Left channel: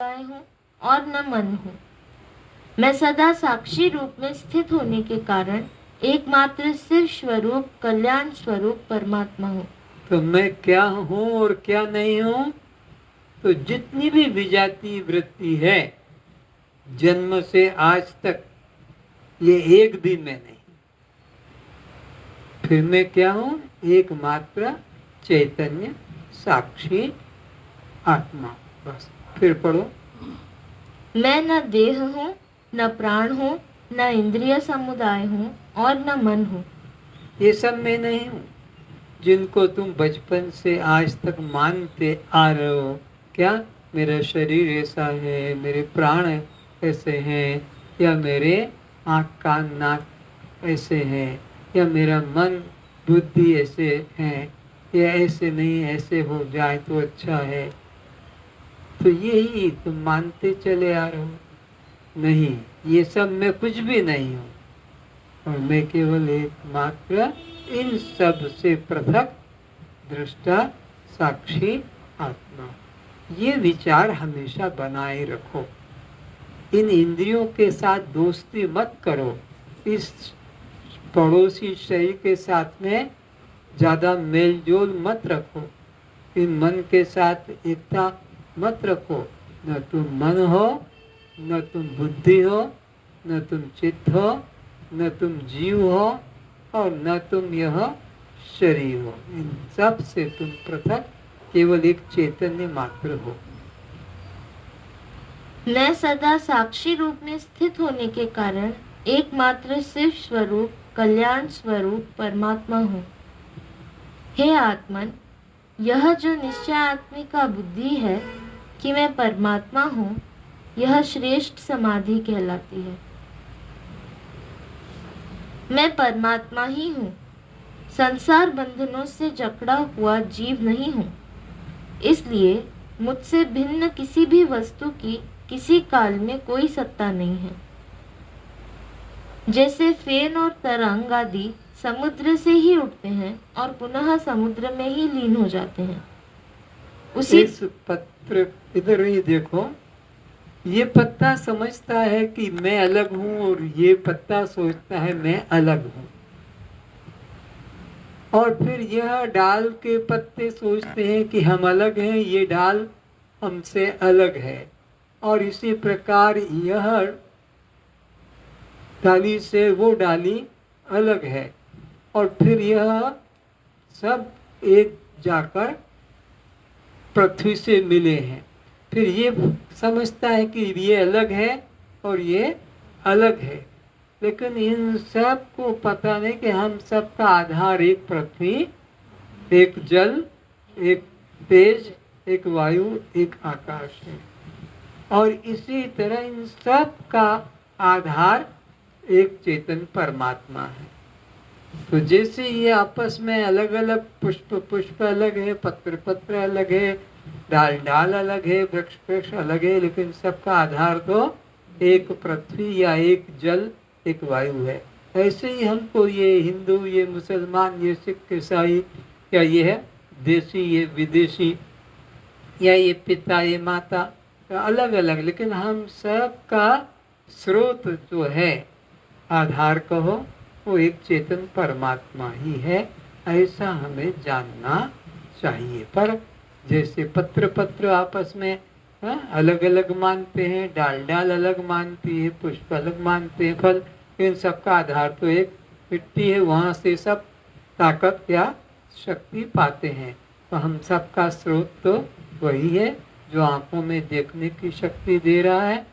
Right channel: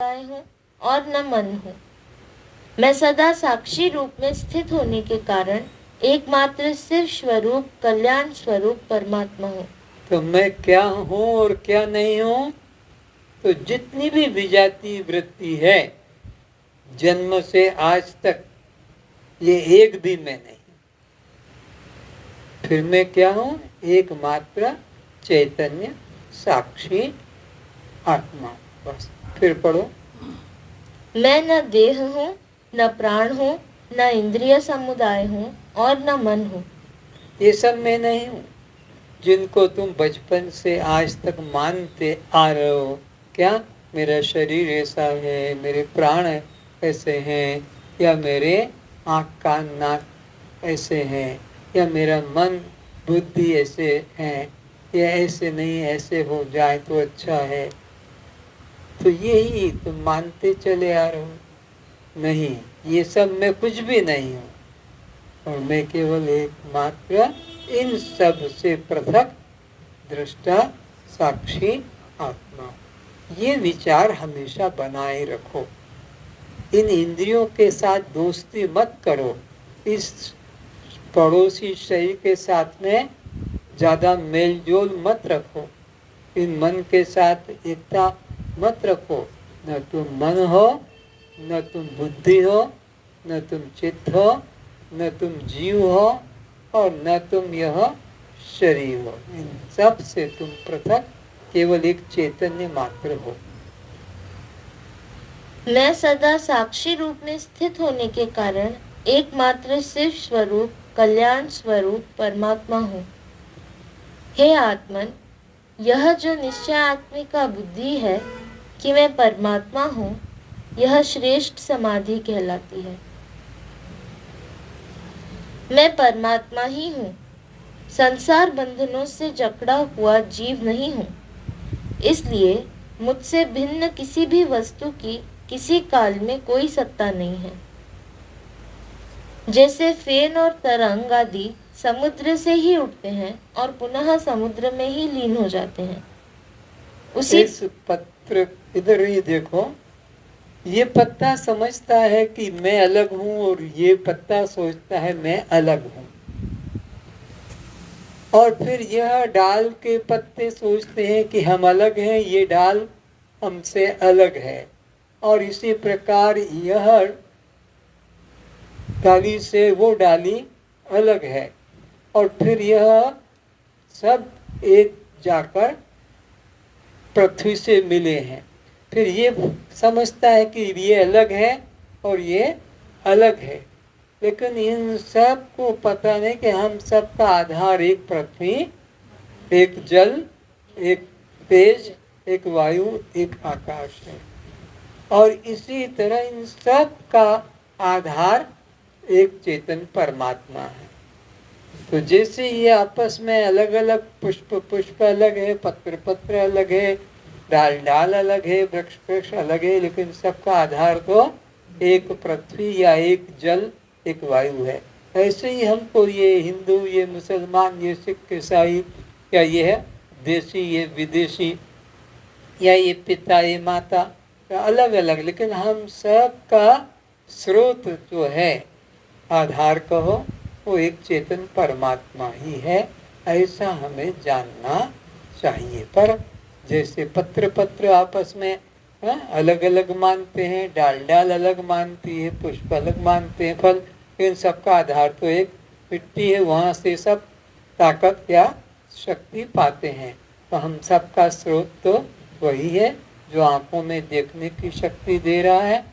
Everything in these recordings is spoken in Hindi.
हूँ और न मन हूँ। मैं सदा साक्षी रूप में स्थित होने के कारण एकमात्र सिर्फ स्वरूप कल्याण स्वरूप परमात्मा हूँ। तो मैं क्या हूँ और क्या नहीं हूँ? तो जितनी भी विजातीय वृत्ति है जन्म से आज तक, ये एक भी मैं नहीं। फिर मैं क्या हूँ? एकमात्र चैतन्य साक्षी आत्मा। बस फिर पढ़ो। मैं न देह हूँ, न प्राण हूँ, न इंद्रिय समुदाय हूँ और न मन हूँ। ये सब मैं नहीं हूँ जिनको तुम बचपन से आज तक मानते आ रहे हो। क्या मेरा शरीर ऐसा है, मेरे प्राण ऐसे हैं, या मेरे आँख कान नाक ऐसे हैं, या मेरा मन बुद्धि ऐसे हैं, या ऐसे नहीं, ऐसे हो जाए तो अच्छा है। तो यही तुम मानते चले आ रहे हो। नहीं, ये सब मैं कुछ भी नहीं हूँ, और मैं केवल एकमात्र इन सब से पृथक दृष्टा साक्षी आत्मा। ये विचार हमेशा बनाए रखो। इन इंद्रियों के साथ दोस्ती मत करो। इस पड़ोसी शरीर के साथ में ज़्यादा मेल जोल मत रखो। इन मन के साथ एकता मत रखो। न तुम मन हो, न तुम बुद्धि हो, न तुम चित्त हो, न तुम जीव हो, और न तुम यह शरीर हो। इन सब से तुम पृथक केवल एक चैतन्य मात्र हो। मैं सदा साक्षी रूप में स्थित होने के कारण एकमात्र सिर्फ स्वरूप कल्याण स्वरूप परमात्मा हूँ। हे आत्मन, यह जो निश्चय आत्मिका बुद्धि है कि मैं परमात्मा हूँ, यह श्रेष्ठ समाधि कहलाती है। मैं परमात्मा ही हूँ, संसार बंधनों से जकड़ा हुआ जीव नहीं हूँ। इसलिए मुझसे भिन्न किसी भी वस्तु की किसी काल में कोई सत्ता नहीं है। जैसे फेन और तरंग आदि समुद्र से ही उठते हैं और पुनः समुद्र में ही लीन हो जाते हैं, उसी इस पत्र इधर ही देखो। ये पत्ता समझता है कि मैं अलग हूँ, और ये पत्ता सोचता है मैं अलग हूँ। और फिर यह डाल के पत्ते सोचते हैं कि हम अलग हैं, ये डाल हमसे अलग है। और इसी प्रकार यह डाली से वो डाली अलग है, और फिर यह सब एक जाकर पृथ्वी से मिले हैं। फिर ये समझता है कि ये अलग है और ये अलग है, लेकिन इन सब को पता नहीं कि हम सब का आधार एक पृथ्वी, एक जल, एक तेज, एक वायु, एक आकाश है। और इसी तरह इन सब का आधार एक चेतन परमात्मा है। तो जैसे ये आपस में अलग अलग, पुष्प पुष्प अलग है, पत्र पत्र अलग है, डाल डाल अलग है, वृक्ष वृक्ष अलग है, लेकिन सबका आधार तो एक पृथ्वी या एक जल, एक वायु है। ऐसे ही हमको ये हिंदू, ये मुसलमान, ये सिख, ईसाई, या ये है देसी, ये विदेशी, या ये पिता, ये माता, अलग अलग, लेकिन हम सब का स्रोत जो है, आधार कहो, वो एक चेतन परमात्मा ही है। ऐसा हमें जानना चाहिए। पर जैसे पत्र पत्र आपस में अलग अलग मानते हैं, डाल डाल अलग मानती है, पुष्प अलग मानते हैं, फल, इन सब का आधार तो एक मिट्टी है, वहाँ से सब ताकत या शक्ति पाते हैं। तो हम सब का स्रोत तो वही है, जो आँखों में देखने की शक्ति दे रहा है,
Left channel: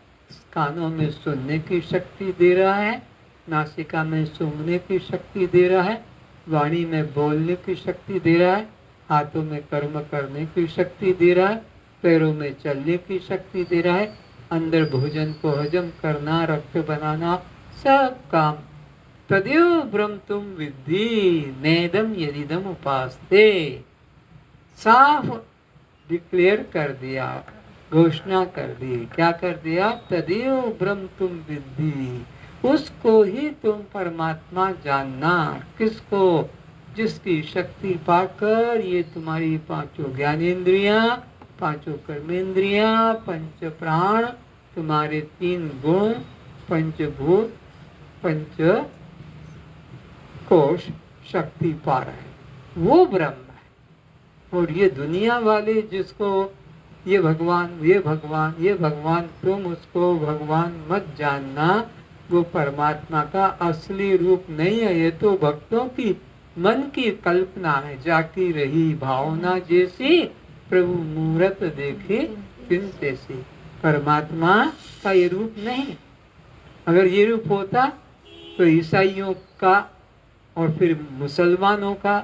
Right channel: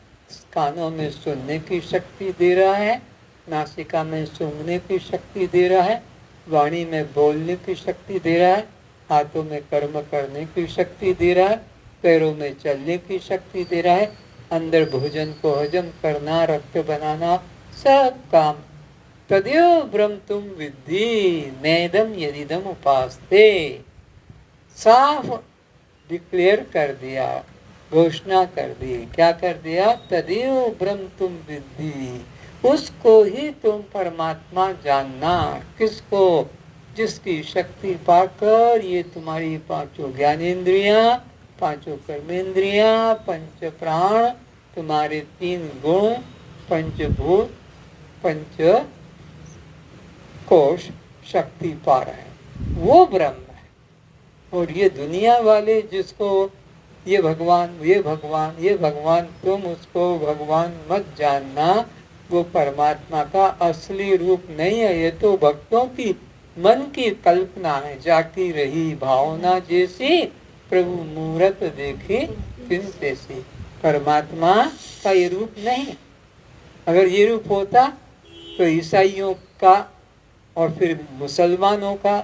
कानों में सुनने की शक्ति दे रहा है, नासिका में सूंघने की शक्ति दे रहा है, वाणी में बोलने की शक्ति दे रहा है, हाथों में कर्म करने की शक्ति दे रहा है, पैरों में चलने की शक्ति दे रहा है, अंदर भोजन को हजम करना, रक्त बनाना, सब काम तदेव ब्रह्म तुम विद्धि नेदम यदिदम उपास्ते। साफ डिक्लेयर कर दिया, घोषणा कर दी। क्या कर दिया? तदेव ब्रह्म तुम विद्धि, उसको ही तुम परमात्मा जानना। किसको? जिसकी शक्ति पाकर ये तुम्हारी पांचों ज्ञानेंद्रियां पांचों कर्मेंद्रियां, पंच प्राण, तुम्हारे 3 गुण, पंचभूत, पंच कोश शक्ति पा रहे हैं, वो ब्रह्म है। और ये दुनिया वाले जिसको ये भगवान, ये भगवान, ये भगवान, तुम उसको भगवान मत जानना, वो परमात्मा का असली रूप नहीं है। ये तो भक्तों की मन की कल्पना है, जाती रही भावना जैसी, प्रभु मूरत देखे तिन तैसी। परमात्मा का ये रूप नहीं है। अगर ये रूप होता तो ईसाइयों का और फिर मुसलमानों का,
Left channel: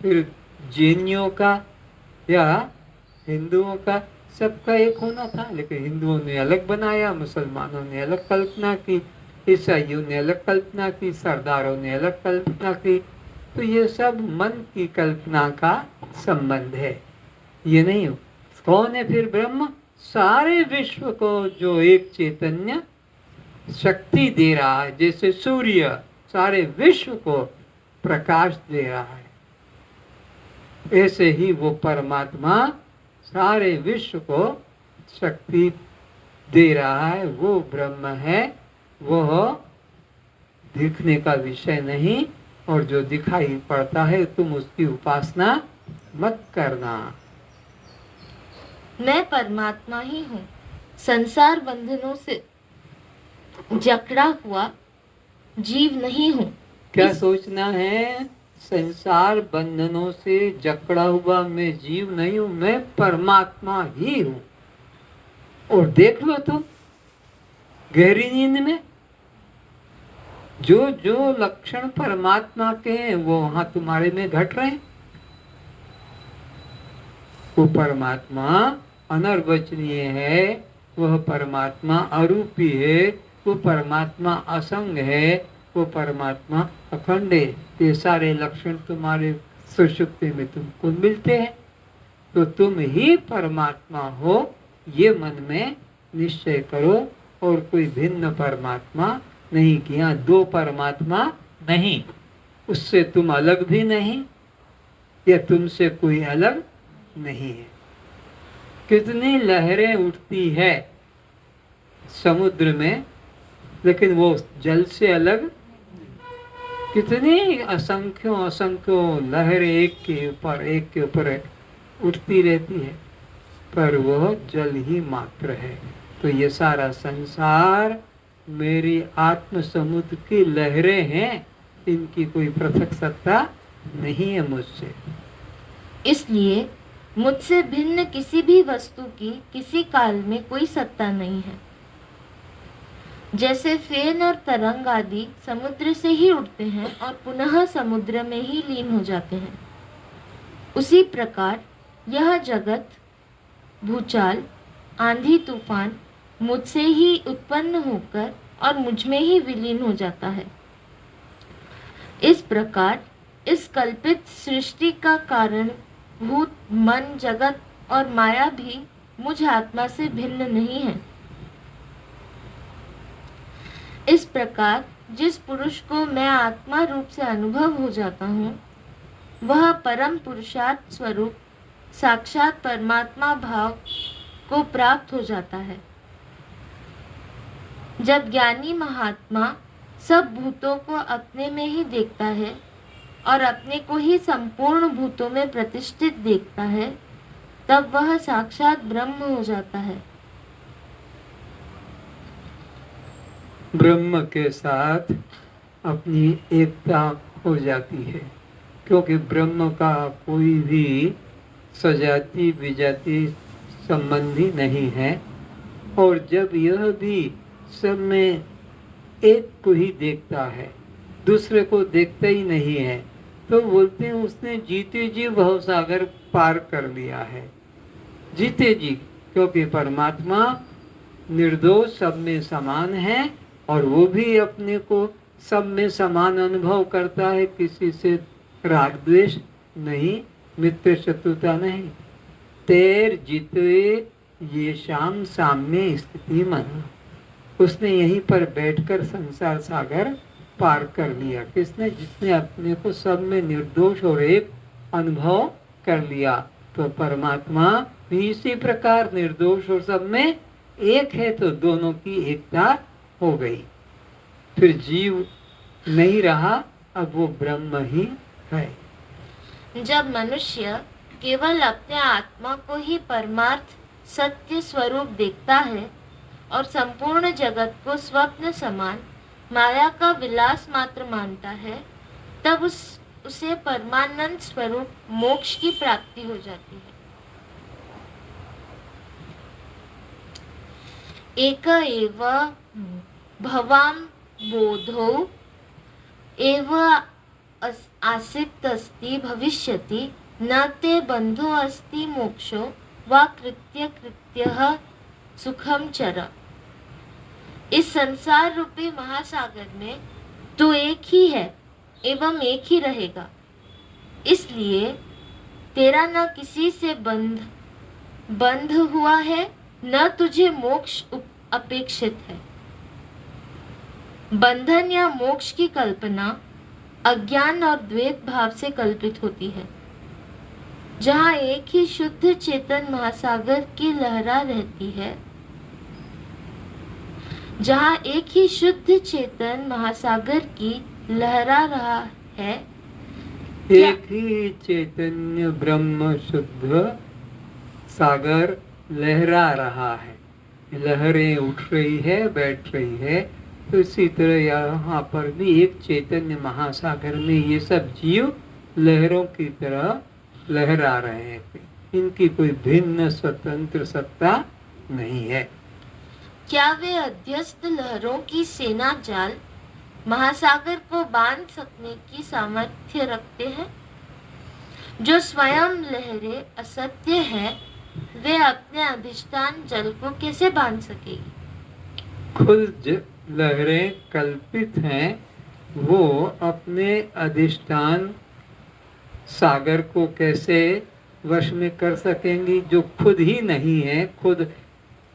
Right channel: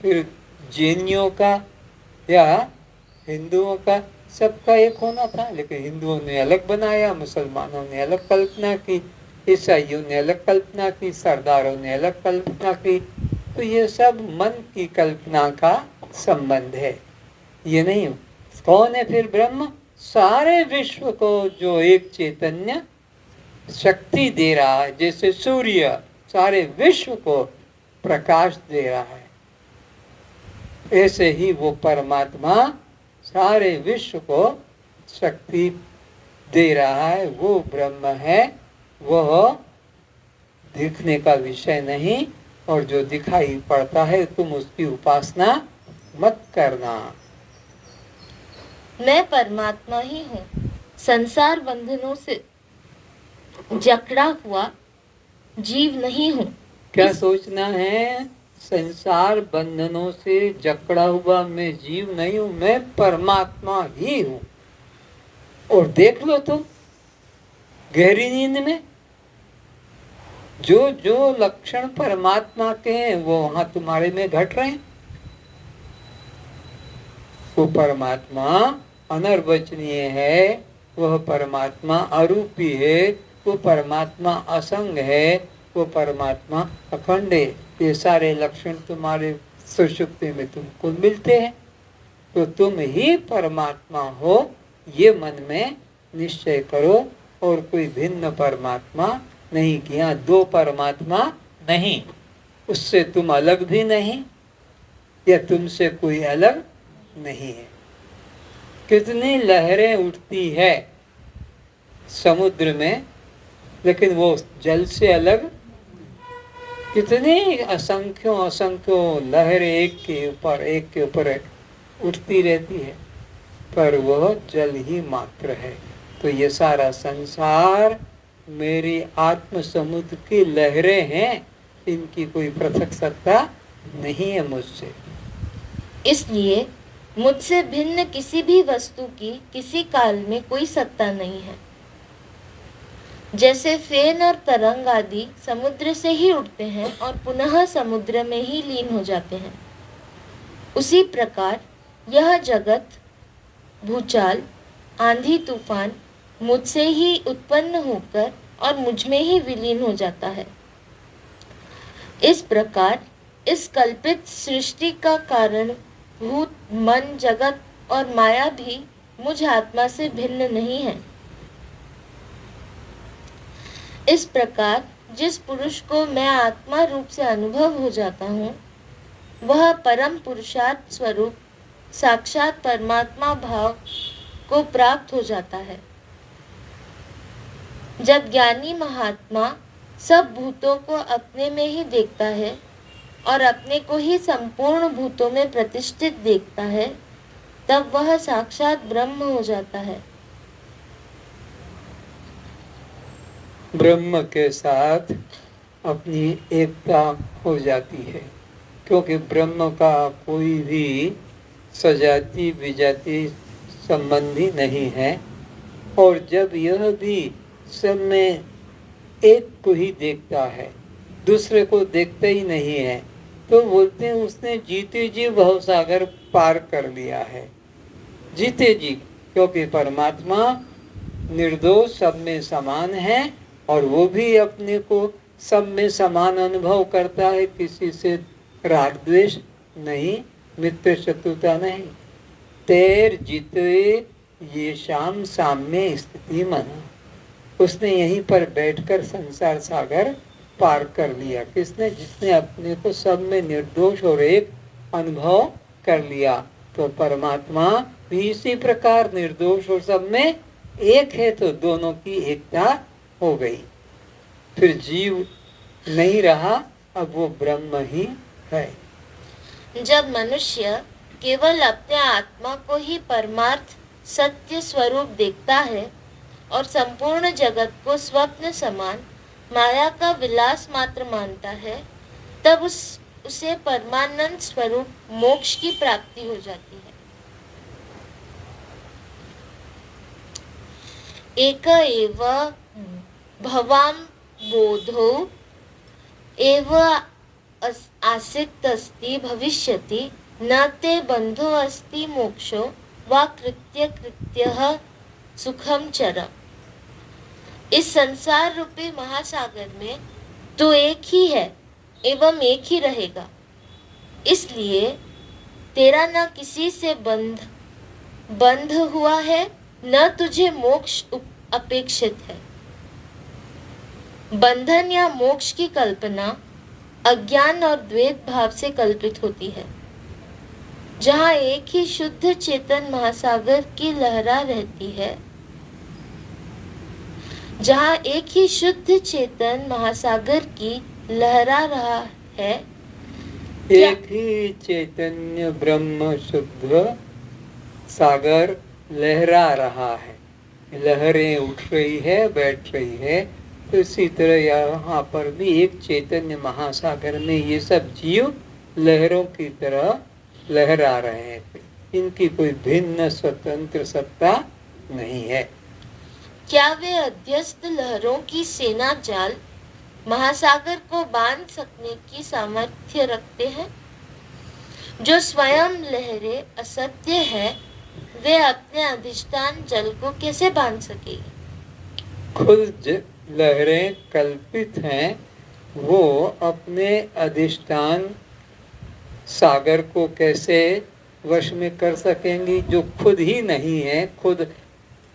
फिर जैनियों का या हिंदुओं का, सबका एक होना था। लेकिन हिंदुओं ने अलग बनाया, मुसलमानों ने अलग कल्पना की, ईसाइयों ने अलग कल्पना की, सरदारों ने अलग कल्पना की। तो ये सब मन की कल्पना का संबंध है, ये नहीं हो। कौन है फिर ब्रह्म? सारे विश्व को जो एक चैतन्य शक्ति दे रहा है, जैसे सूर्य सारे विश्व को प्रकाश दे रहा है, ऐसे ही वो परमात्मा सारे विश्व को शक्ति दे रहा है। वो ब्रह्म है, वह दिखने का विषय नहीं, और जो दिखाई पड़ता है तुम उसकी उपासना मत करना। मैं परमात्मा ही हूँ, संसार बंधनों से जकड़ा हुआ जीव नहीं हूँ। क्या सोचना है? संसार बंधनों से जकड़ा हुआ मैं जीव नहीं हूँ, मैं परमात्मा ही हूँ। और देख लो तुम गहरी नींद में जो जो लक्षण परमात्मा के हैं वो वहां तुम्हारे में घट रहे हैं। वो परमात्मा अनर्वचनीय है, वह परमात्मा अरूपी है, वो परमात्मा असंग है, वो परमात्मा अखंड है। ये सारे लक्षण तुम्हारे सुषुप्ति में तुमको मिलते हैं। तो तुम ही परमात्मा हो, ये मन में निश्चय करो, और कोई भिन्न परमात्मा नहीं। कि यहाँ 2 परमात्मा नहीं, उससे तुम अलग भी नहीं, या तुमसे कोई अलग नहीं है। कितनी लहरें उठती है समुद्र में, लेकिन वो जल से अलग। कितनी असंख्यों असंख्यों लहरें एक के ऊपर उठती रहती है, पर वह जल ही मात्र है। तो ये सारा संसार मेरी आत्म समुद्र की लहरें हैं, इनकी कोई पृथक सत्ता नहीं है मुझसे। इसलिए मुझसे भिन्न किसी भी वस्तु की किसी काल में कोई सत्ता नहीं है। जैसे फेन और तरंग आदि समुद्र से ही उठते हैं और पुनः समुद्र में ही लीन हो जाते हैं, उसी प्रकार यह जगत, भूचाल, आंधी तूफान मुझसे ही उत्पन्न होकर और मुझ में ही विलीन हो जाता है। इस प्रकार इस कल्पित सृष्टि का कारण भूत, मन, जगत और माया भी मुझ आत्मा से भिन्न नहीं है। इस प्रकार जिस पुरुष को मैं आत्मा रूप से अनुभव हो जाता हूँ, वह परम पुरुषार्थ स्वरूप साक्षात परमात्मा भाव को प्राप्त हो जाता है। जब ज्ञानी महात्मा सब भूतों को अपने में ही देखता है और अपने को ही संपूर्ण भूतों में प्रतिष्ठित देखता है, तब वह साक्षात ब्रह्म हो जाता है। ब्रह्म के साथ अपनी एकता हो जाती है, क्योंकि ब्रह्म का कोई भी सजाति विजाति संबंधी नहीं है। और जब यह भी सब में एक को ही देखता है, दूसरे को देखता ही नहीं है, तो बोलते हैं उसने जीते जी भवसागर पार कर लिया है। जीते जी, क्योंकि परमात्मा निर्दोष सब में समान है, और वो भी अपने को सब में समान अनुभव करता है, किसी से राग द्वेष नहीं, मित्र शत्रुता नहीं। तेर जितवे ये शाम साम्य स्थिति मना, उसने यहीं पर बैठकर संसार सागर पार कर लिया। किसने? जिसने अपने को सब में निर्दोष और एक अनुभव कर लिया। तो परमात्मा भी इसी प्रकार निर्दोष और सब में एक है, तो दोनों की एकता हो गई। फिर जीव नहीं रहा, अब वो ब्रह्म ही है। जब मनुष्य केवल अपने आत्मा को ही परमार्थ सत्य स्वरूप देखता है और संपूर्ण जगत को स्वप्न समान माया का विलास मात्र मानता है, तब उसे परमानंद स्वरूप मोक्ष की प्राप्ति हो जाती है। एक एव भवाम बोधो एव आसिक्त अस्ति भविष्यति न ते बंधो अस्ति मोक्षो वा कृत्य कृत्यः सुखम चर। इस संसार रूपी महासागर में तू एक ही है एवं एक ही रहेगा, इसलिए तेरा न किसी से बंध हुआ है, न तुझे मोक्ष अपेक्षित है। बंधन या मोक्ष की कल्पना अज्ञान और द्वैत भाव से कल्पित होती है। जहाँ एक ही शुद्ध चेतन महासागर की लहरा रहती है, जहाँ एक ही शुद्ध चेतन महासागर की लहरा रहा है, एक ही चैतन्य ब्रह्म शुद्ध सागर लहरा रहा है, लहरें उठ रही है, बैठ रही है। तो इसी तरह यहाँ पर भी एक चैतन्य महासागर में ये सब जीव लहरों की तरह लहरा रहे हैं। इनकी कोई भिन्न स्वतंत्र सत्ता नहीं है। क्या वे अध्यस्त लहरों की सेना जाल महासागर को बांध सकने की सामर्थ्य रखते हैं? जो स्वयं लहरें असत्य है, वे अपने अधिष्ठान जल को कैसे बांध सकेगी? खुद लहरें कल्पित हैं, वो अपने अधिष्ठान सागर को कैसे वश में कर सकेंगी? जो खुद ही नहीं है, खुद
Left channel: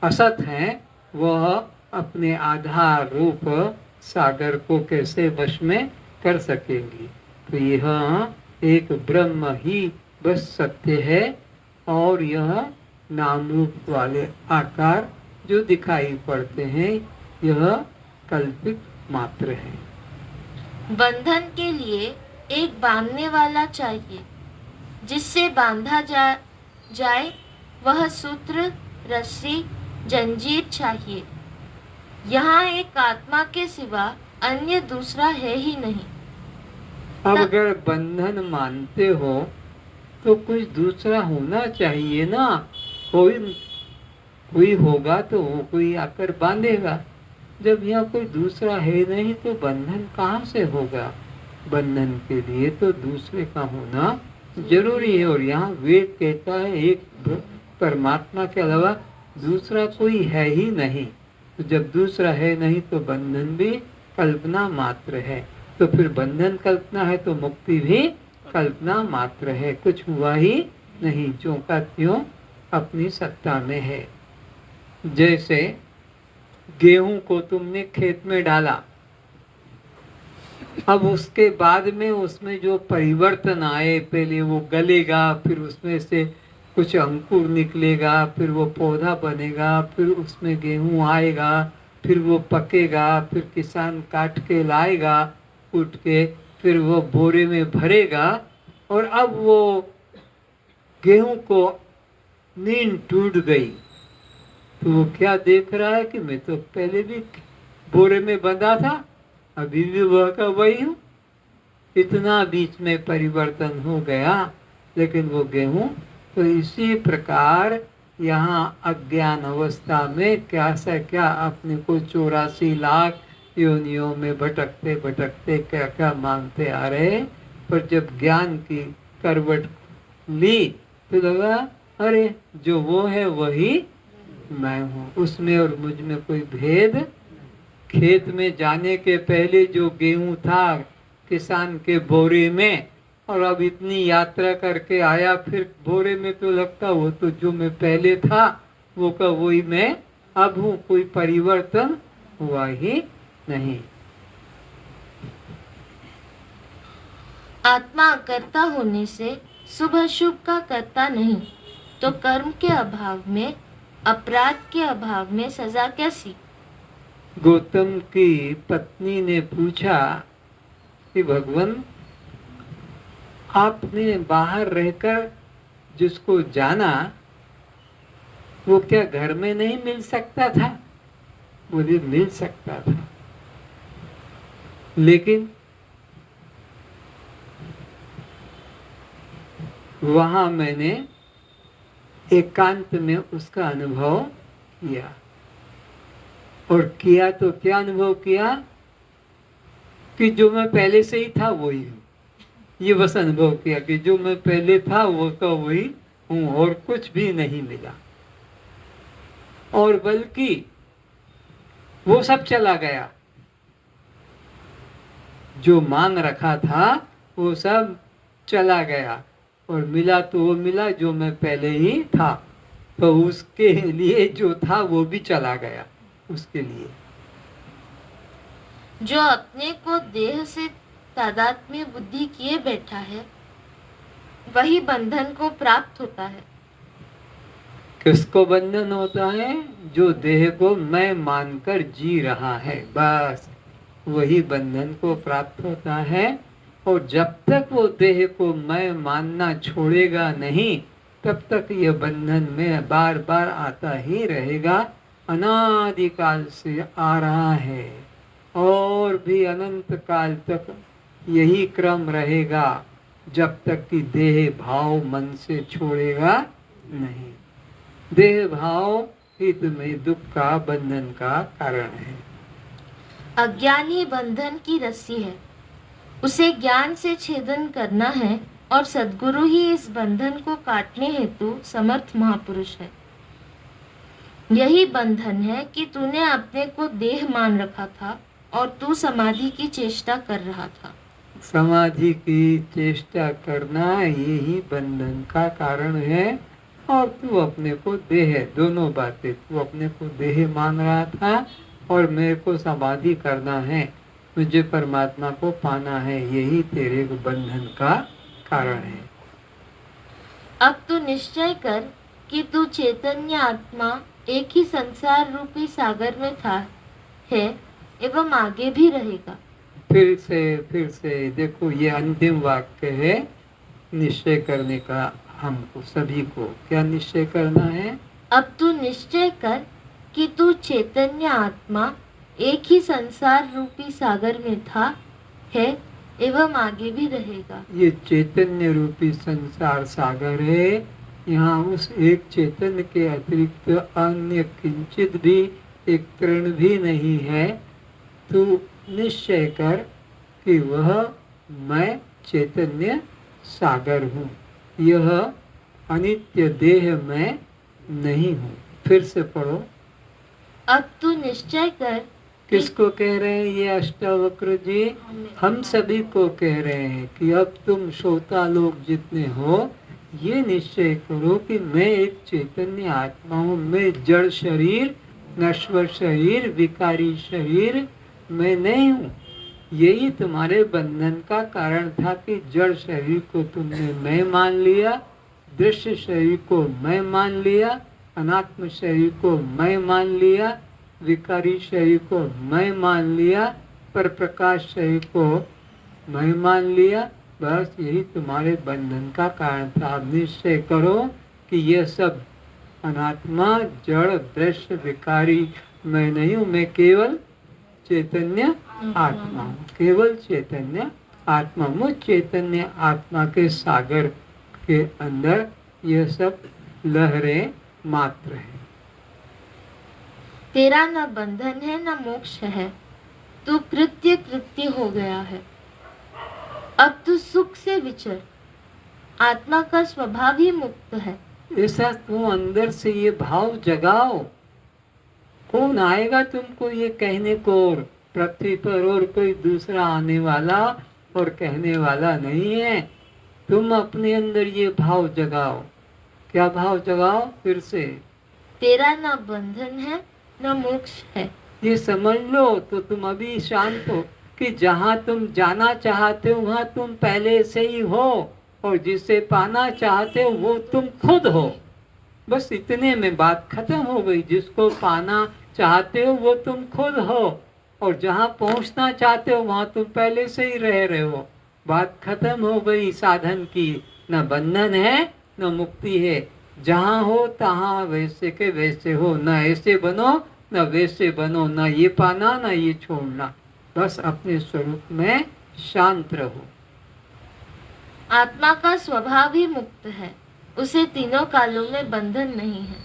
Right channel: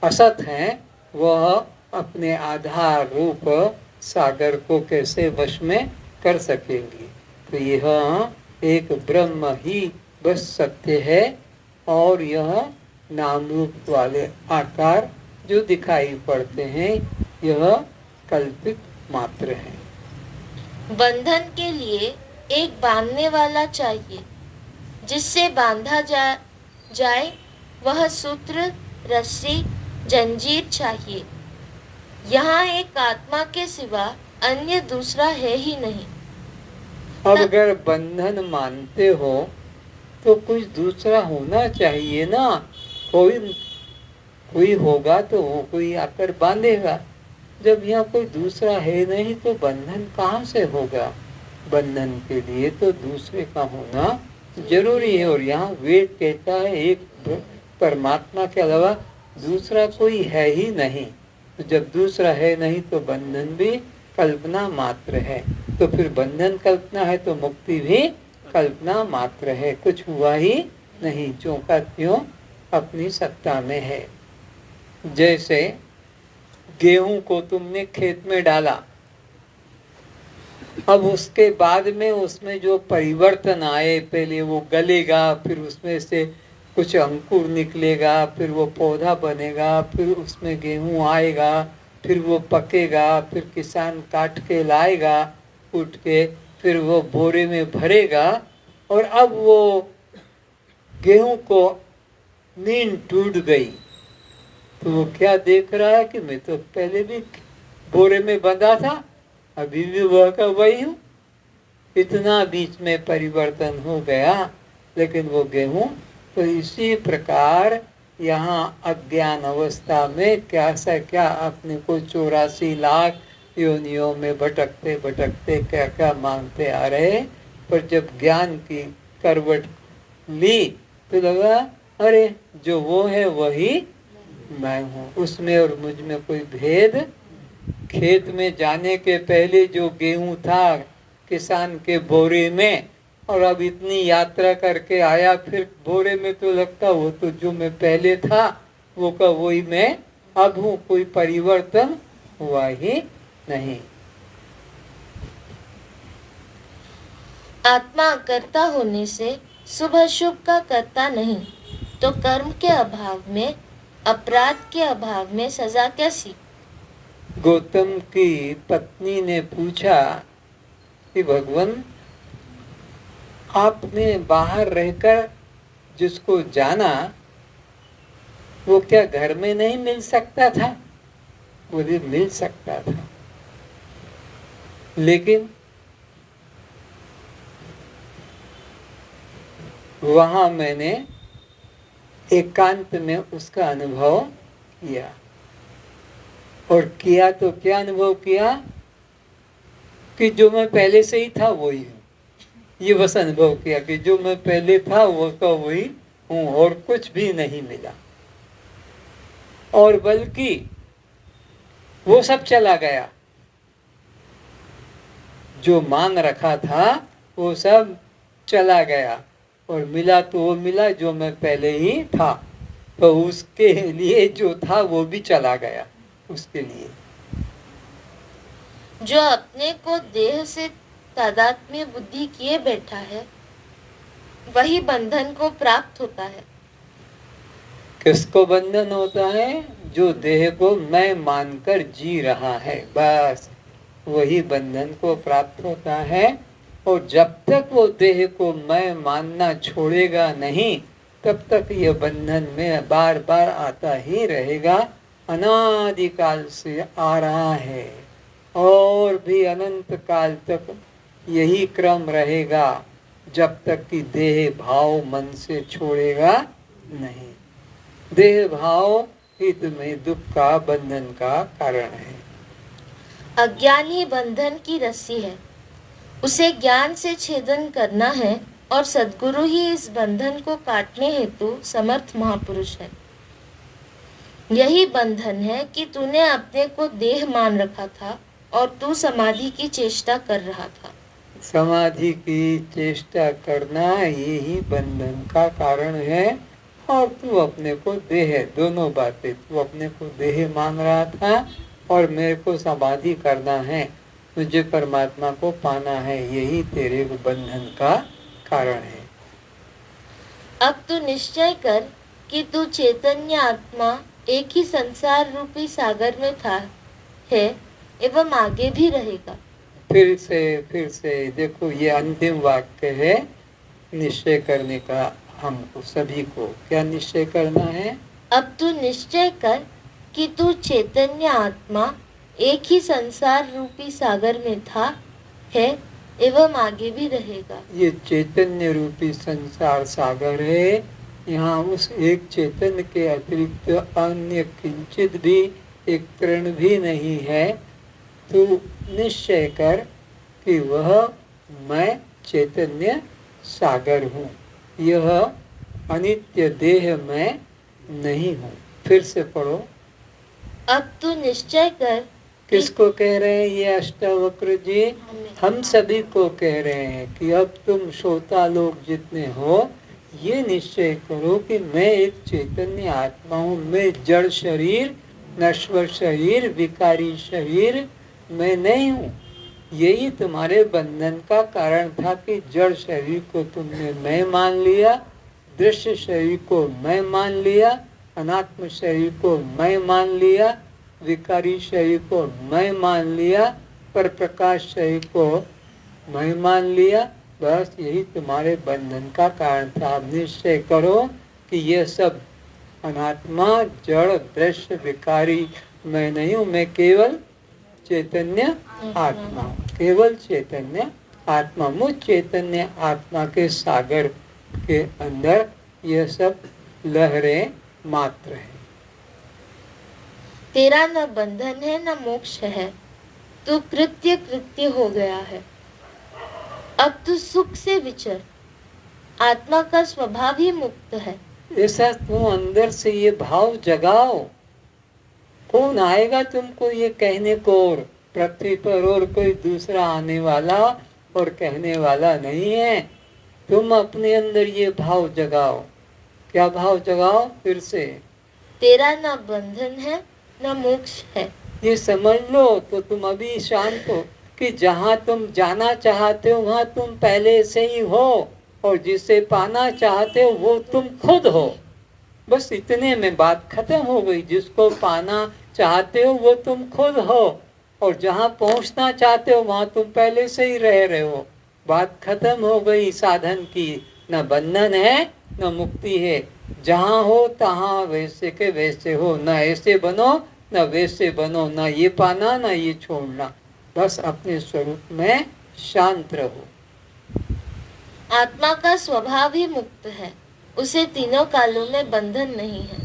असत हैं, वह अपने आधार रूप सागर को कैसे वश में कर सकेंगी? तो यह एक ब्रह्म ही बस सत्य है, और यह नाम रूप वाले आकार जो दिखाई पड़ते हैं, यह कल्पित मात्र है। बंधन के लिए एक बांधने वाला चाहिए, जिससे बांधा जाए वह सूत्र, रस्सी, जंजीर चाहिए। यहाँ एक आत्मा के सिवा अन्य दूसरा है ही नहीं। अब अगर बंधन मानते हो तो कुछ दूसरा होना चाहिए ना। कोई होगा तो कोई आकर बांधेगा। जब यहाँ कोई दूसरा है नहीं तो बंधन कहाँ से होगा? बंधन के लिए तो दूसरे का होना जरूरी है। और यहाँ वेद कहता है एक परमात्मा के अलावा दूसरा कोई है ही नहीं। तो जब दूसरा है नहीं तो बंधन भी कल्पना मात्र है। तो फिर बंधन कल्पना है तो मुक्ति भी कल्पना मात्र है। कुछ हुआ ही नहीं, जो का त्यों अपनी सत्ता में है। जैसे गेहूं को तुमने खेत में डाला, अब उसके बाद में उसमें जो परिवर्तन आए, पहले वो गलेगा, फिर उसमें से कुछ अंकुर निकलेगा, फिर वो पौधा बनेगा, फिर उसमें गेहूं आएगा, फिर वो पकेगा, फिर किसान काट के लाएगा, कूट के फिर वो बोरे में भरेगा। और अब वो गेहूं को नींद टूट गई तो वो क्या देख रहा है कि मैं तो पहले भी बोरे में बंधा था, अभी भी वह का वही हूँ। इतना बीच में परिवर्तन हो गया, लेकिन वो गेहूं। तो इसी प्रकार यहाँ अज्ञान अवस्था में क्या से क्या अपने को 84 लाख योनियों में भटकते भटकते क्या क्या मानते आ रहे। पर जब ज्ञान की करवट ली तो लगा अरे जो वो है वही मैं हूँ, उसमें और मुझ में कोई भेद। खेत में जाने के पहले जो गेहूं था किसान के बोरे में, और अब इतनी यात्रा करके आया फिर बोरे में, तो लगता वो तो जो मैं पहले था वो का वही मैं अब हूँ। कोई परिवर्तन हुआ ही नहीं। आत्मा कर्ता होने से शुभ अशुभ का कर्ता नहीं, तो कर्म के अभाव में, अपराध के अभाव में सजा कैसी? गौतम की पत्नी ने पूछा कि भगवान, आपने बाहर रहकर जिसको जाना वो क्या घर में नहीं मिल सकता था? बोले मिल सकता था, लेकिन वहां मैंने एकांत में उसका अनुभव किया। और किया तो क्या अनुभव किया कि जो मैं पहले से ही था वही हूँ। ये बस अनुभव किया कि जो मैं पहले था वो का वही हूँ और कुछ भी नहीं मिला। और बल्कि वो सब चला गया, जो मान रखा था वो सब चला गया और मिला तो वो मिला जो मैं पहले ही था। तो उसके लिए जो था वो भी चला गया उसके लिए। जो अपने को देह से तादात्म्य बुद्धि किए बैठा है वही बंधन को प्राप्त होता है। किसको बंधन होता है? जो देह को मैं मानकर जी रहा है, बस वही बंधन को प्राप्त होता है। और जब तक वो देह को मैं मानना छोड़ेगा नहीं, तब तक ये बंधन में बार बार आता ही रहेगा। अनादिकाल से आ रहा है और भी अनंत काल तक यही क्रम रहेगा, जब तक कि देह भाव मन से छोड़ेगा नहीं। देह भाव ही तुम्हें दुख का, बंधन का कारण है। अज्ञानी बंधन की रस्सी है, उसे ज्ञान से छेदन करना है और सद्गुरु ही इस बंधन को काटने हेतु समर्थ महापुरुष है। यही बंधन है कि तूने अपने को देह मान रखा था और तू समाधि की चेष्टा कर रहा था। समाधि की चेष्टा करना यही बंधन का कारण है। और तू अपने को देह, दोनों बातें, तू अपने को देह मान रहा था और मेरे को समाधि करना है, तुझे परमात्मा को पाना है, यही तेरे बंधन का कारण है। अब तू निश्चय कर कि तू चैतन्य आत्मा एक ही संसार रूपी सागर में था, है एवं आगे भी रहेगा। फिर से देखो, ये अंतिम वाक्य है निश्चय करने का। हमको सभी को क्या निश्चय करना है? अब तू निश्चय कर कि तू चैतन्य आत्मा एक ही संसार रूपी सागर में था, है एवं आगे भी रहेगा। ये चैतन्य रूपी संसार सागर है। यहाँ उस एक चैतन्य के अतिरिक्त अन्य किंचित भी एक कण भी नहीं है। तू निश्चय कर कि वह मैं चैतन्य सागर हूँ, यह अनित्य देह में नहीं हूँ। फिर से पढ़ो। अब तू निश्चय कर। किसको कह रहे हैं ये अष्टावक्र जी? हम सभी को कह रहे हैं कि अब तुम श्रोता लोग जितने हो, ये निश्चय करो कि मैं एक चैतन्य आत्मा हूँ। मैं जड़ शरीर, नश्वर शरीर, विकारी शरीर मैं नहीं हूँ। यही तुम्हारे बंधन का कारण था कि जड़ शरीर को तुमने मैं मान लिया, दृश्य शरीर को मैं मान लिया, अनात्म शरीर को मैं मान लिया, विकारी शरीर को मैं मान लिया, पर प्रकाश शरीर को मैं मान लिया। बस यही तुम्हारे बंधन का कारण था। अब निश्चय करो कि यह सब अनात्मा, जड़, दृश्य, विकारी मैं नहीं हूँ। मैं केवल चैतन्य आत्मा हूँ, केवल चैतन्य आत्मा। मुझ चैतन्य आत्मा के सागर के अंदर यह सब लहरें मात्र है। तेरा न बंधन है न मोक्ष है, तू कृत्य हो गया है। अब तू सुख से विचर, आत्मा का स्वभाव ही मुक्त है। ऐसा तू अंदर से ये भाव जगाओ। कौन आएगा तुमको ये कहने को? और पृथ्वी पर और कोई दूसरा आने वाला और कहने वाला नहीं है। तुम अपने अंदर ये भाव जगाओ। क्या भाव जगाओ? फिर से, तेरा न बंधन है न मोक्ष है। ये समझ लो तो तुम अभी शांत हो कि जहाँ तुम जाना चाहते हो वहाँ तुम पहले से ही हो, और जिसे पाना चाहते हो वो तुम खुद हो। बस इतने में बात खत्म हो गई। जिसको पाना चाहते हो वो तुम खुद हो, और जहाँ पहुँचना चाहते हो वहाँ तुम पहले से ही रह रहे हो। बात खत्म हो गई साधन की। न बंधन है न मुक्ति है। जहाँ हो तहाँ वैसे के वैसे हो। न ऐसे बनो न वैसे बनो, न ये पाना न ये छोड़ना। बस अपने स्वरूप में शांत रहो। आत्मा का स्वभाव ही मुक्त है, उसे तीनों कालों में बंधन नहीं है।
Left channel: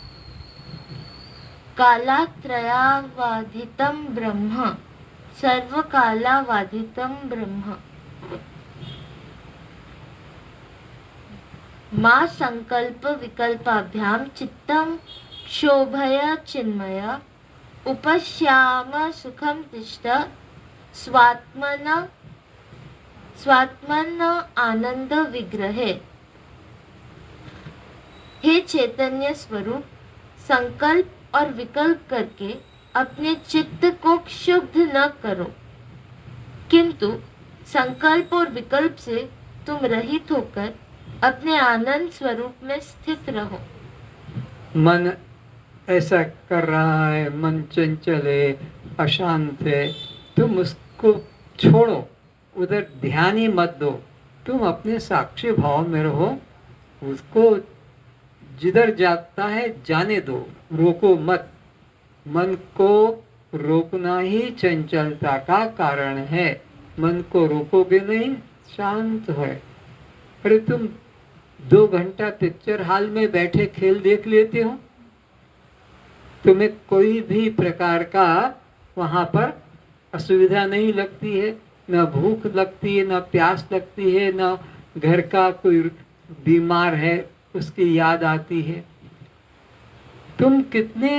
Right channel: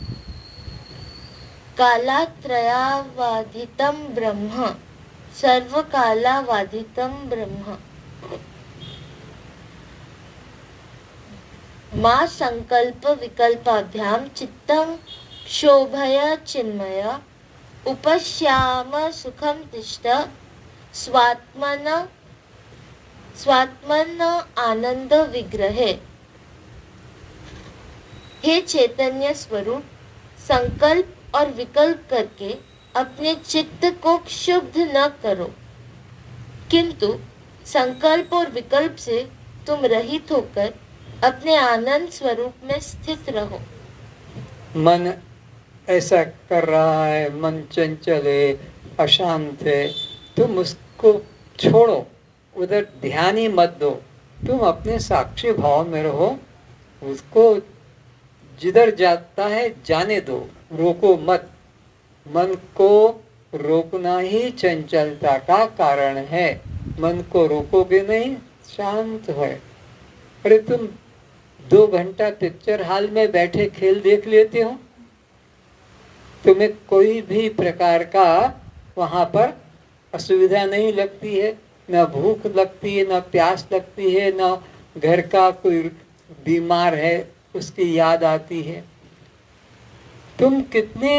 कालात्रयावाधितम ब्रह्म, सर्वकालावाधितम ब्रह्म। मां संकल्प विकल्पाभ्याम चित्तं क्षोभय चिन्मय, उपश्याम सुखम तिष्ठ स्वात्मन आनंद विग्रहे। हे चैतन्य स्वरूप, संकल्प और विकल्प करके अपने चित्त को क्षुब्ध न करो, किंतु संकल्प और विकल्प से तुम रहित होकर अपने आनंद स्वरूप में स्थित रहो। मन ऐसा कर रहा है, मन चंचल है, अशांत है, तुम उसको छोड़ो, उधर ध्यान ही मत दो। तुम अपने साक्षी भाव में रहो। उसको जिधर जाता है जाने दो, रोको मत। मन को रोकना ही चंचलता का कारण है। मन को रोकोगे नहीं, शांत है। अरे तुम 2 घंटा पिक्चर हॉल में बैठे खेल देख लेते हो, तुम्हें कोई भी प्रकार का वहाँ पर असुविधा नहीं लगती है, न भूख लगती है, न प्यास लगती है, न घर का कोई बीमार है उसकी याद आती है। तुम कितने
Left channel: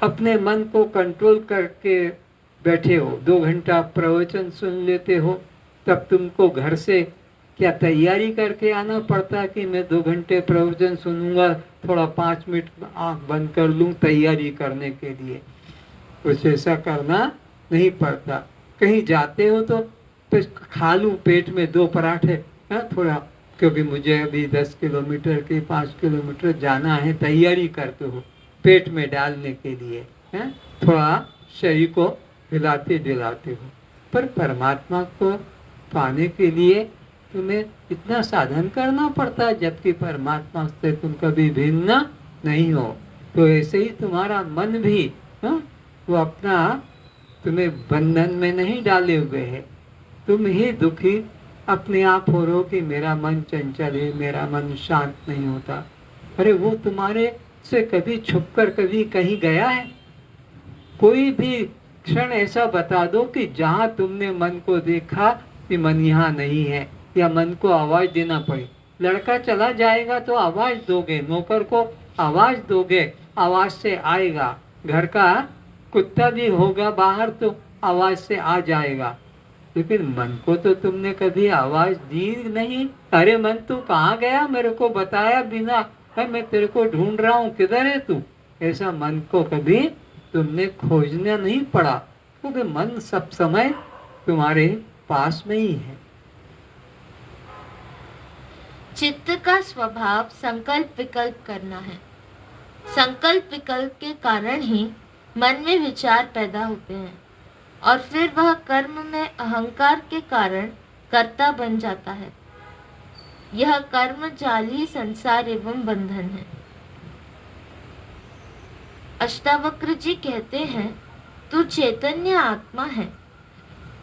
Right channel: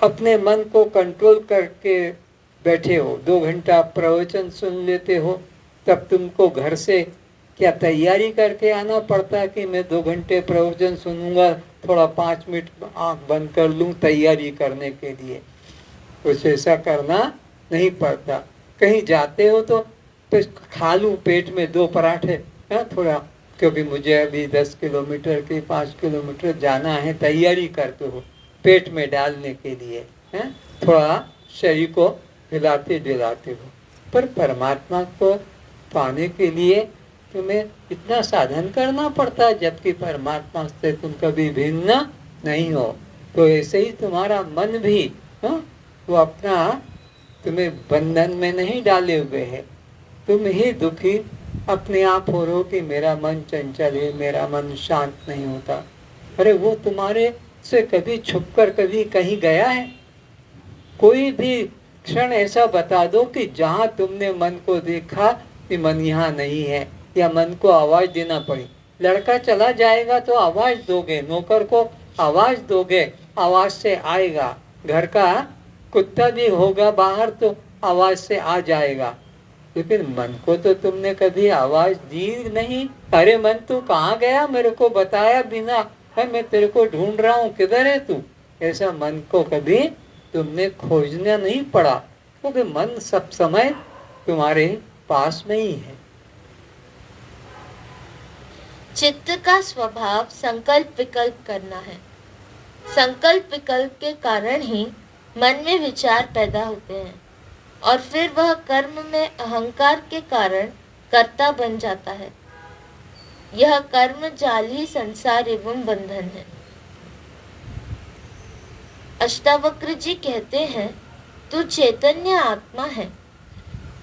अपने मन को कंट्रोल करके बैठे हो। 2 घंटा प्रवचन सुन लेते हो, तब तुमको घर से क्या तैयारी करके आना पड़ता है कि मैं 2 घंटे प्रवचन सुनूंगा, थोड़ा 5 मिनट आँख बंद कर लूँ तैयारी करने के लिए। कुछ ऐसा करना नहीं पड़ता। कहीं जाते हो तो खा लूँ पेट में 2 पराठे, थोड़ा, क्योंकि मुझे अभी 10 किलोमीटर की 5 किलोमीटर जाना है, तैयारी करते हो पेट में डालने के लिए, थोड़ा शरीर को हिलाते दिलाते हो। पर परमात्मा को पाने के लिए तुम्हें इतना साधन करना पड़ता है, जबकि परमात्मा से तुम कभी भिन्न नहीं हो। तो ऐसे ही तुम्हारा मन भी वो अपना तुम्हें बंधन में नहीं डाले हुए है। तुम ही दुखी अपने आप हो रहे हो कि मेरा मन चंचल है, मेरा मन शांत नहीं होता। अरे वो तुम्हारे से कभी छुपकर कभी कहीं गया है? कोई भी क्षण ऐसा बता दो कि जहाँ तुमने मन को देखा कि मन यहाँ नहीं है, या मन को आवाज देना पड़ी। लड़का चला जाएगा तो आवाज दोगे, नौकर को आवाज दोगे, आवाज से आएगा। घर का कुत्ता भी होगा बाहर तो आवाज से आ जाएगा। लेकिन मन को तो तुमने कभी आवाज दी नहीं। अरे मन तू कहाँ गया, मेरे को बताया बिना, मैं तेरे को ढूंढ रहा हूँ, किधर है तू? ऐसा मन को कभी तुमने खोजना नहीं पड़ा, क्योंकि मन सब समय तुम्हारे पास में ही है। चित्त का स्वभाव संकल्प विकल्प करना है। संकल्प विकल्प के कारण ही मन में विचार पैदा होते हैं, और फिर वह कर्म में अहंकार के कारण कर्ता बन जाता है। यह कर्म जाल ही संसार एवं बंधन है। अष्टावक्र जी कहते हैं, तू चैतन्य आत्मा है,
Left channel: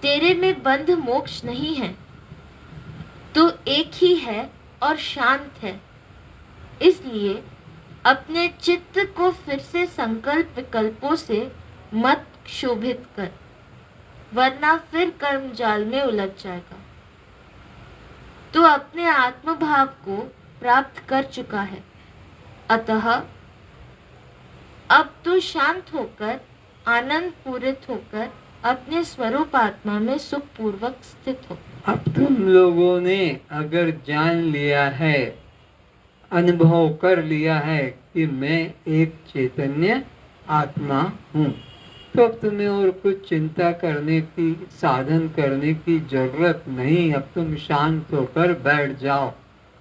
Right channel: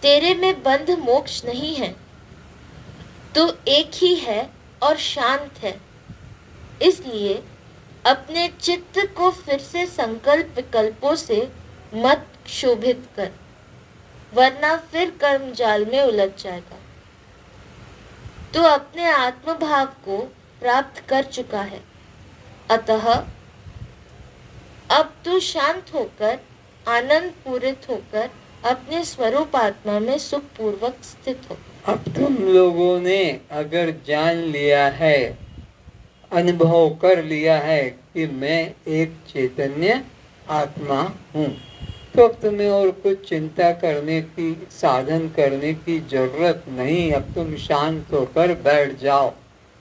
तेरे में बंध मोक्ष नहीं है, तू एक ही है और शांत है। इसलिए अपने चित्त को फिर से संकल्प विकल्पों से मत क्षोभित कर, वरना फिर कर्म जाल में उलझ जाएगा। तू अपने आत्म भाव को प्राप्त कर चुका है, अतः अब तू शांत होकर, आनंद पूरित होकर अपने स्वरूप आत्मा में सुख पूर्वक स्थित हो। अब तुम लोगों ने अगर जान लिया है, अनुभव कर लिया है कि मैं एक चैतन्य आत्मा हूँ, तो अब तुम्हें और कुछ चिंता करने की, साधन करने की जरूरत नहीं। अब तुम शांत होकर बैठ जाओ।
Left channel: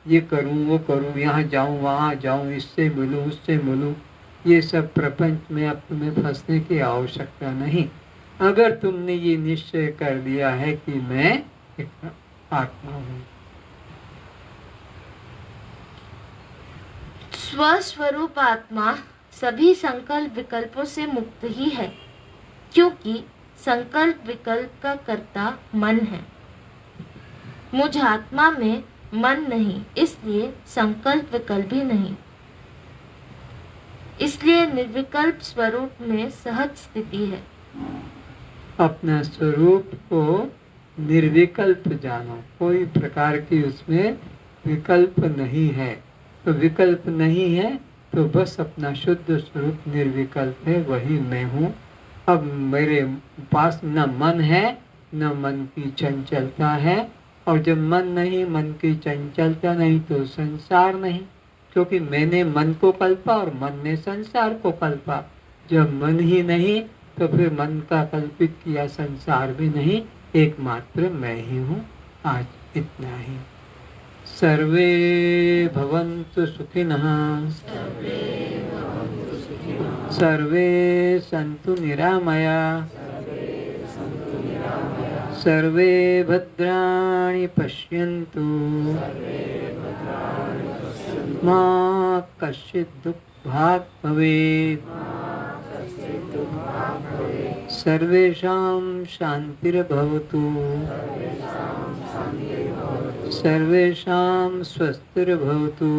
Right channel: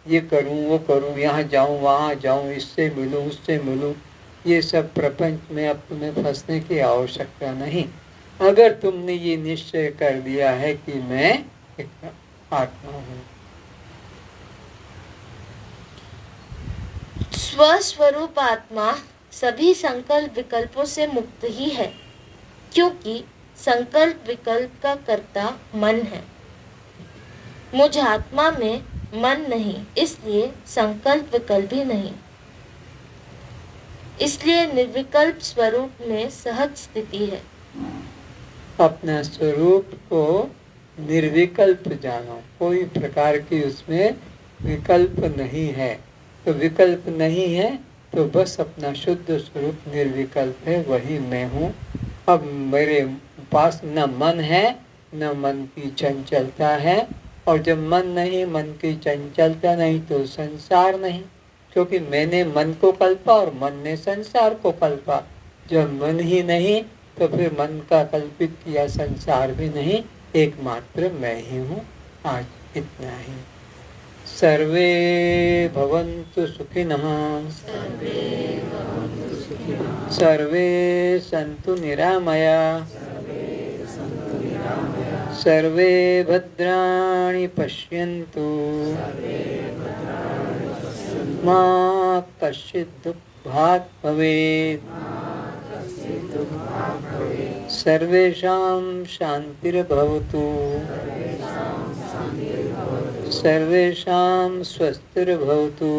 ये करूं वो करूं, यहाँ जाऊं वहाँ जाऊं, इससे मिलूं उससे मिलूं, ये सब प्रपंच में अब तुम्हें फंसने की आवश्यकता नहीं। अगर तुमने ये निश्चय कर लिया है कि मैं एक आत्मा हूँ। स्वस्वरूप आत्मा सभी संकल्प विकल्पों से मुक्त ही है, क्योंकि संकल्प विकल्प का कर्ता मन है। मुझ आत्मा में मन नहीं, इसलिए संकल्प विकल्प भी नहीं। इसलिए निर्विकल्प स्वरूप में सहज स्थिति है। अपने स्वरूप को निर्विकल्प जानो, कोई प्रकार की उसमें विकल्प नहीं है। तो विकल्प नहीं है तो बस अपना शुद्ध स्वरूप निर्विकल्प है, वही मैं हूँ। अब मेरे पास न मन है न मन की चंचलता है, और जब मन नहीं, मन की चंचलता नहीं, तो संसार नहीं, क्योंकि मैंने मन को कल्पा और मन ने संसार को कल्पा। जब मन ही नहीं तो फिर मन का कल्पित किया संसार भी नहीं, एकमात्र मैं ही हूँ। आज इतना ही। सर्वे भवन्तु सुखिनः, सर्वे सन्तु निरामया, सर्वे भद्राणि पश्यन्तु, मा कश्चित् दुःखभाग् भवेत्। सर्वेषां शान्तिर्भवतु, सर्वेषां स्वस्तिर्भवतु,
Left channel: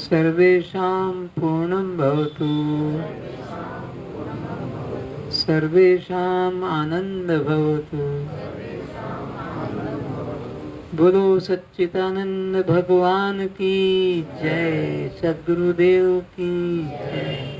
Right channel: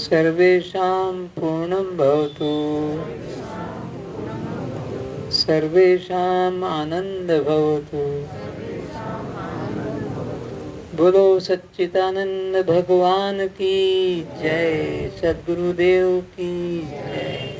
सर्वेषां पूर्णं भवतु, सर्वेषाम् आनंदः भवतु। बोलो सच्चिदानंद भगवान की जय, सद्गुरुदेव की जय।